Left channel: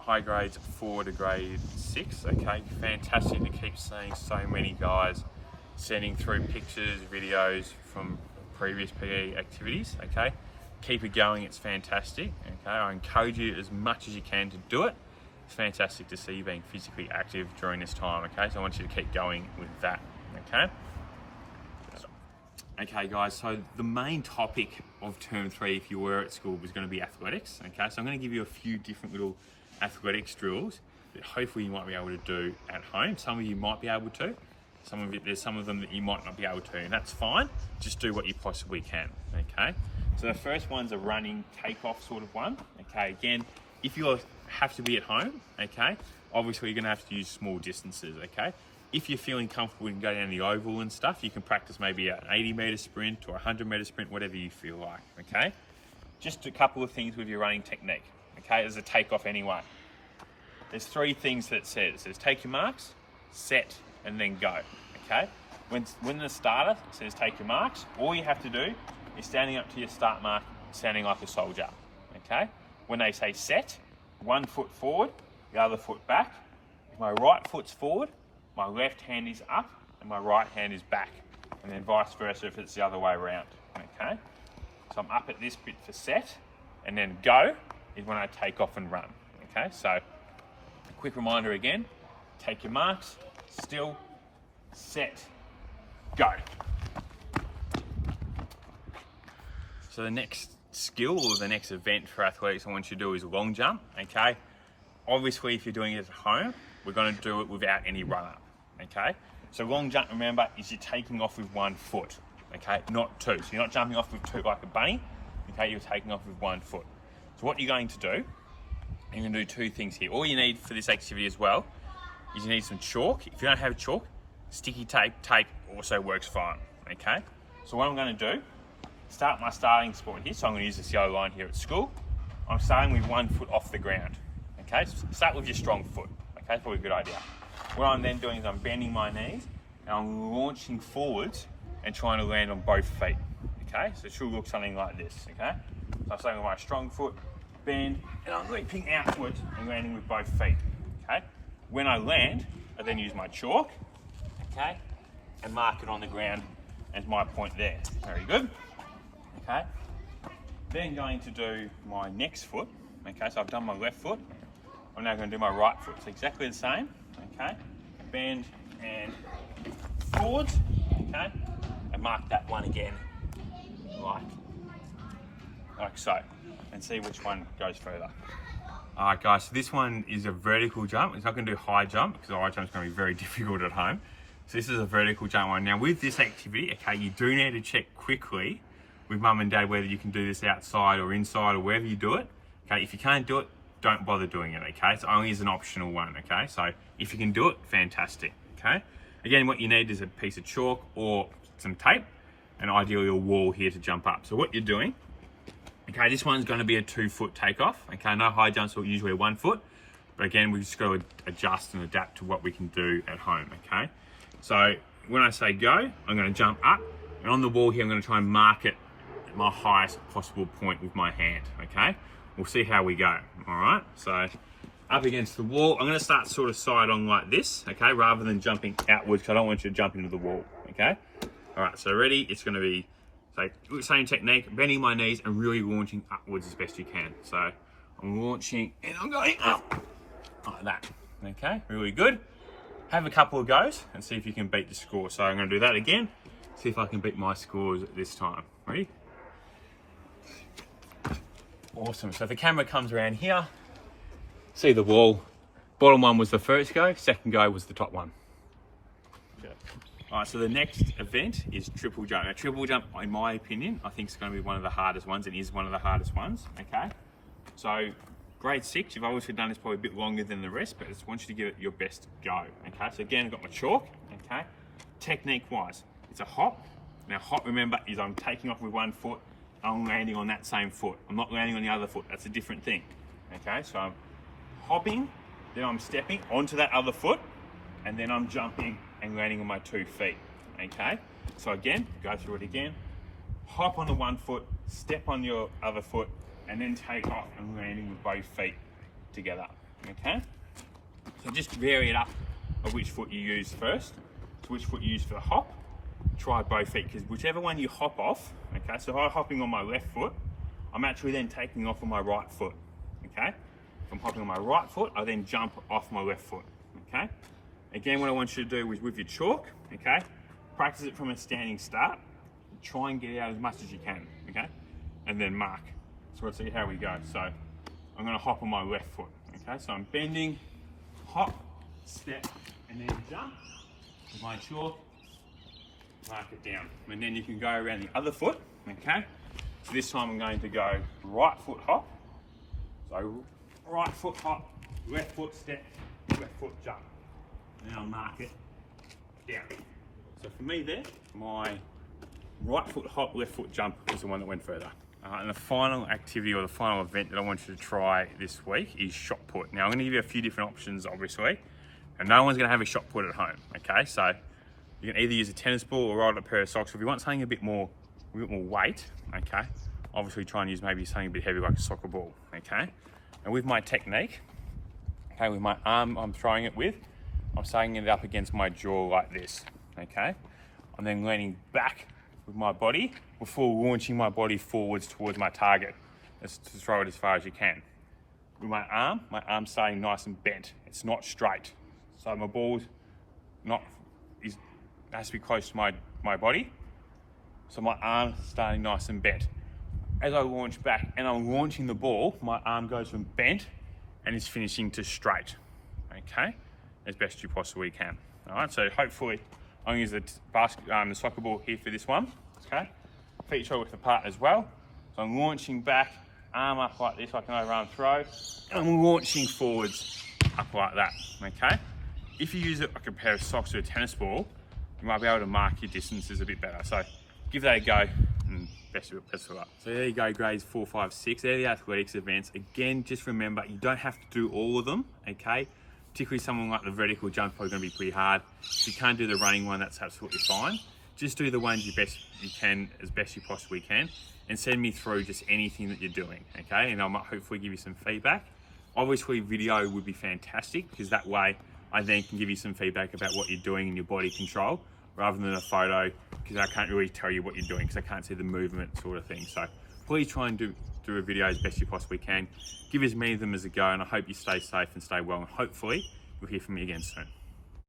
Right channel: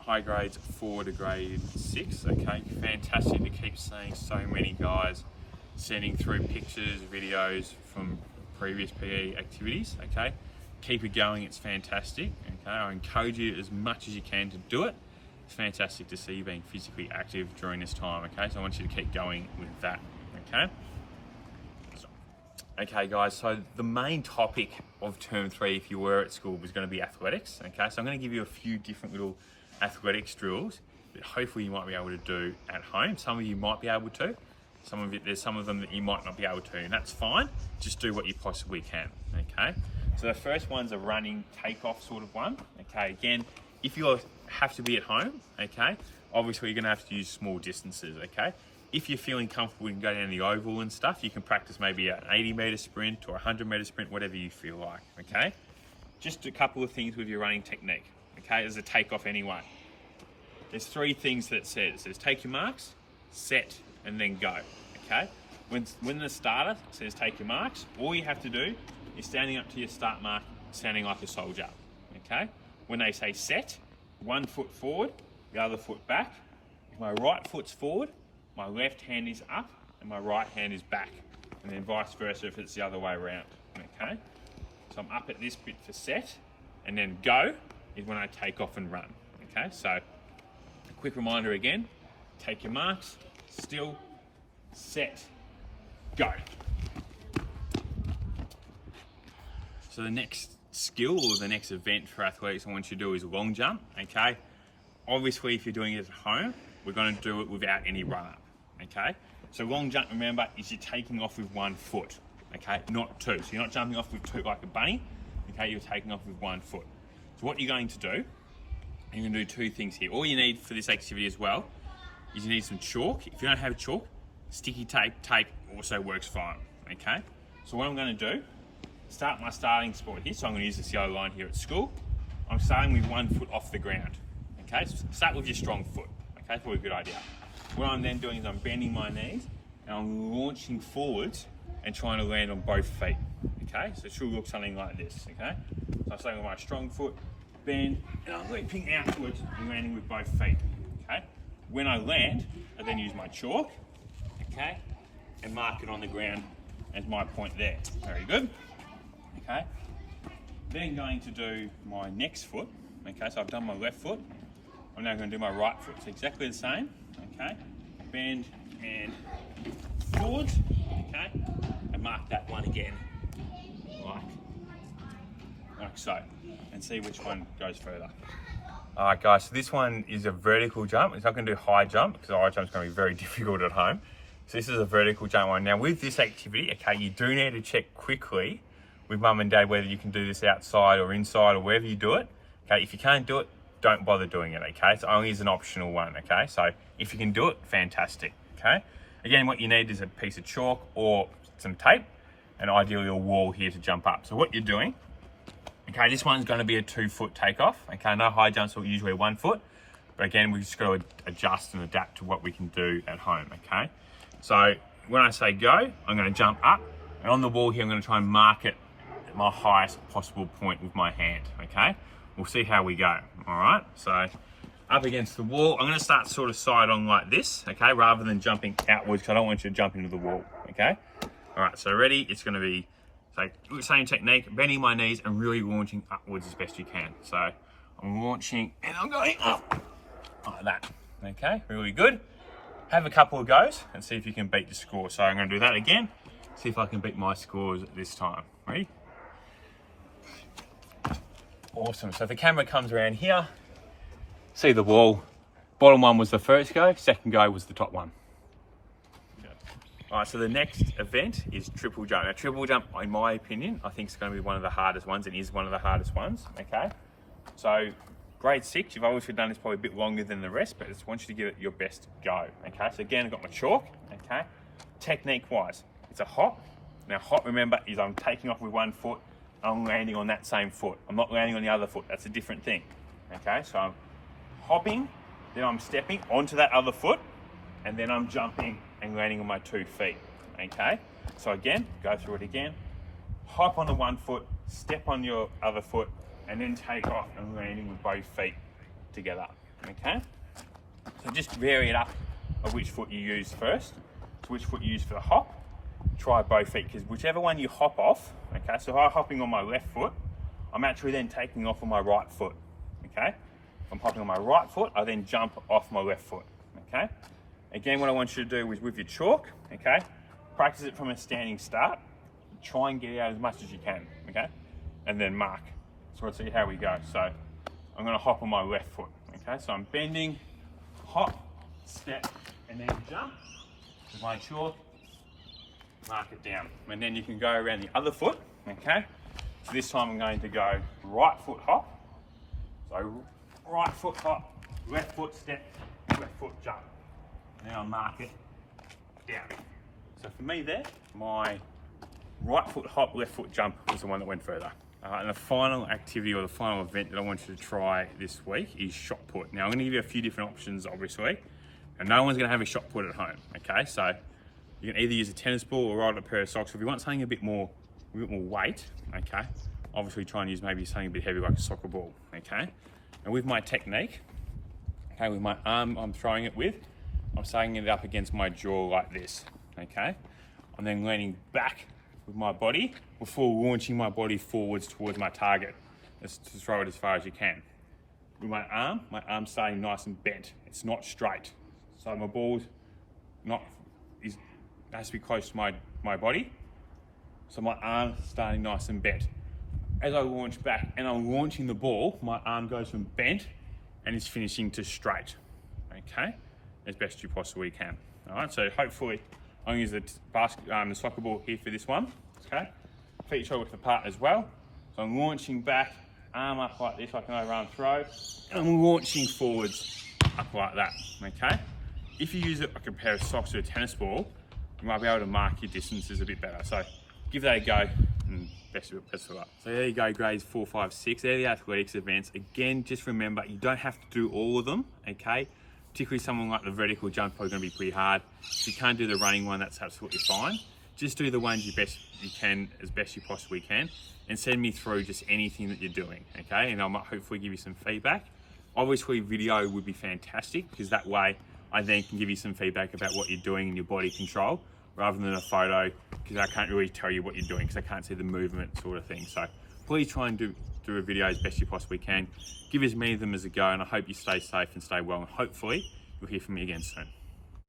high grades 4 to grade 6. Okay, fantastic to keep seeing so many guys sending through pictures, videos from previous PE activities. Okay, keep it going, it's fantastic. Okay, I encourage you as much as you can to do it. It's fantastic to see you being physically active during this time. Okay, so I want you to keep going with that. Okay guys, so the main topic of term 3, if you were at school, was going to be athletics. Okay, so I'm going to give you a few different little athletics drills that hopefully you might be able to do at home. Some of you might be able to, there's some of them that you might not be able to, and that's fine. Just do what you possibly can. Okay, so the first one's a running takeoff sort of one. Okay, again, if you have to be at home, okay, obviously you're going to have to use small distances. Okay, if you're feeling comfortable, you can go down the oval and stuff. You can practice maybe an 80-meter sprint or a 100-meter sprint, whatever you feel like. Okay, just a couple of things with your running technique. Okay, as a takeoff anyway, there's 3 things that it says. It says take your marks, set, and then go. Okay, when the starter says take your marks, all you have to do is standing up to your start mark, standing like a soldier. Okay, when they say set, 1 foot forward, the other foot back. If my right foot's forward, my left hand is up and my right hand is back, and then vice versa if it's the other way around. Okay, so I'm up at this bit for set, and then go is when I take off and run. Okay, so a quick reminder again, take your marks, still, set, go. So the next skill or the next event for athletics I want you to do is long jump. Okay, obviously if you're doing it at home, we're going to do it without any run up. Okay, so long jump, remember, is you're taking off with 1 foot. Okay, not 2. So you're not jumping off with 2 like a bunny. Okay, you're taking off with 1 foot. So what you're going to do, you're going to do 2 things here. All you need for this activity as well is you need some chalk. If you don't have chalk, sticky tape also works fine. Okay, so what I'm going to do, start my starting spot here. So I'm going to use this yellow line here at school. I'm starting with 1 foot off the ground. Okay, so start with your strong foot. Okay, that's probably a good idea. What I'm then doing is I'm bending my knees and I'm launching forwards and trying to land on both feet. Okay, so it should look something like this. Okay, so I'm starting with my strong foot, bend, and I'm leaping outwards and landing with both feet. Okay, when I land, I then use my chalk, okay, and mark it on the ground as my point there. Very good. Okay, then going to do my next foot. Okay, so I've done my left foot. I'm now going to do my right foot. It's exactly the same. Okay, bend and forwards. Okay, and mark that one again, like so, and see which one goes further. All right, guys. So this one is a vertical jump. It's not going to do high jump because the high jump is going to be very difficult at home. So this is a vertical jump one. Now with this activity, okay, you do need to check quickly with mum and dad whether you can do this outside or inside or wherever you do it. Okay, if you can't do it, don't bother doing it. Okay, it's only as an optional one. Okay, so if you can do it, fantastic. Okay, again, what you need is a piece of chalk or some tape, and ideally a wall here to jump up. So what you're doing, okay, this one's going to be a 2 foot takeoff. Okay, no high jumps are usually 1 foot, but again, we've just got to adjust and adapt to what we can do at home. Okay, so when I say go, I'm going to jump up, and on the wall here, I'm going to try and mark it at my highest possible point with my hand. Okay, we'll see how we go. All right, so up against the wall, I'm going to start sort of side on like this, okay, rather than jumping outwards, because I don't want you to jump into the wall. Okay, all right, so ready? It's going to be same technique, bending my knees and really launching upwards as best you can. So I'm launching and I'm going up like that. Okay, really good. Have a couple of goes and see if you can beat the score. So I'm going to do that again, see if I can beat my scores this time. Ready? Awesome. So if the camera comes around here, see the wall. Bottom one was the first go, second go was the top one. All right, so the next event is triple jump. Now, triple jump, in my opinion, I think it's going to be one of the hardest ones. It is one of the hardest ones, okay? So grade 6, you've obviously done this probably a bit longer than the rest, but I just want you to give it your best go, okay? So again, I've got my chalk, okay? Technique-wise, it's a hop. Now, hop, remember, is I'm taking off with 1 foot, I'm landing on that same foot. I'm not landing on the other foot. That's a different thing, okay? So I'm hopping, then I'm stepping onto that other foot, and then I'm jumping and landing on my 2 feet, okay? So again, go through it again. Hop on the 1 foot, step on your other foot, and then take off and landing with both feet together. okay? So just vary it up of which foot you use first, to which foot you use for the hop. Try both feet, because whichever one you hop off, okay, so if I'm hopping on my left foot, I'm actually then taking off on my right foot, okay? If I'm hopping on my right foot, I then jump off my left foot, okay? Again, what I want you to do is with your chalk, okay, practice it from a standing start. Try and get out as much as you can, okay? And then mark. So we'll see how we go. So I'm gonna hop on my left foot, okay? So I'm bending, hop, step, and then jump with my chalk, mark it down. And then you can go around the other foot, okay? So this time I'm going to go right foot hop. So right foot hop, left foot step, left foot jump. Now mark it down. So for me there, my right foot hop, left foot jump is the one that went further. And the final activity or the final event that I want you to try this week is shot put. Now I'm going to give you a few different options, obviously, and no one's going to have a shot put at home. Okay, so you can either use a tennis ball or ride a pair of socks. If you want something a bit more weight, okay, obviously try and use maybe something a bit heavy like a soccer ball. Okay, and with my technique, okay, with my arm I'm throwing it with, I'm setting it up against my jaw like this. Okay, I'm then leaning back with my body before launching my body forwards towards my target. Just to throw it as far as you can. With my arm's staying nice and bent. It's not straight. So my ball's has to be close to my body. So my arm's starting nice and bent. As I launch back and I'm launching the ball, my arm goes from bent and is finishing to straight. Okay, as best you possibly can. All right, so hopefully I'm going to use the soccer ball here for this one, okay? Feet shoulder width apart as well. So I'm launching back, arm up like this, like an overarm throw, and I'm launching forwards up like that, okay? If you use it like a pair of socks or a tennis ball, you might be able to mark your distances a bit better. So give that a go, and best of luck. So there you go, grades 4, 5, 6. They're the athletics events. Again, just remember, you don't have to do all of them, okay? Particularly someone like the vertical jump, probably going to be pretty hard. If you can't do the running one, that's absolutely fine. Just do the ones you can as best you possibly can, and send me through just anything that you're doing, okay? And I might hopefully give you some feedback. Obviously, video would be fantastic, because that way I then can give you some feedback about what you're doing in your body control, rather than a photo, because I can't really tell you what you're doing, because I can't see the movement sort of thing. So please try and do a video as best you possibly can. Give as many of them as a go, and I hope you stay safe and stay well, and hopefully you'll hear from me again soon.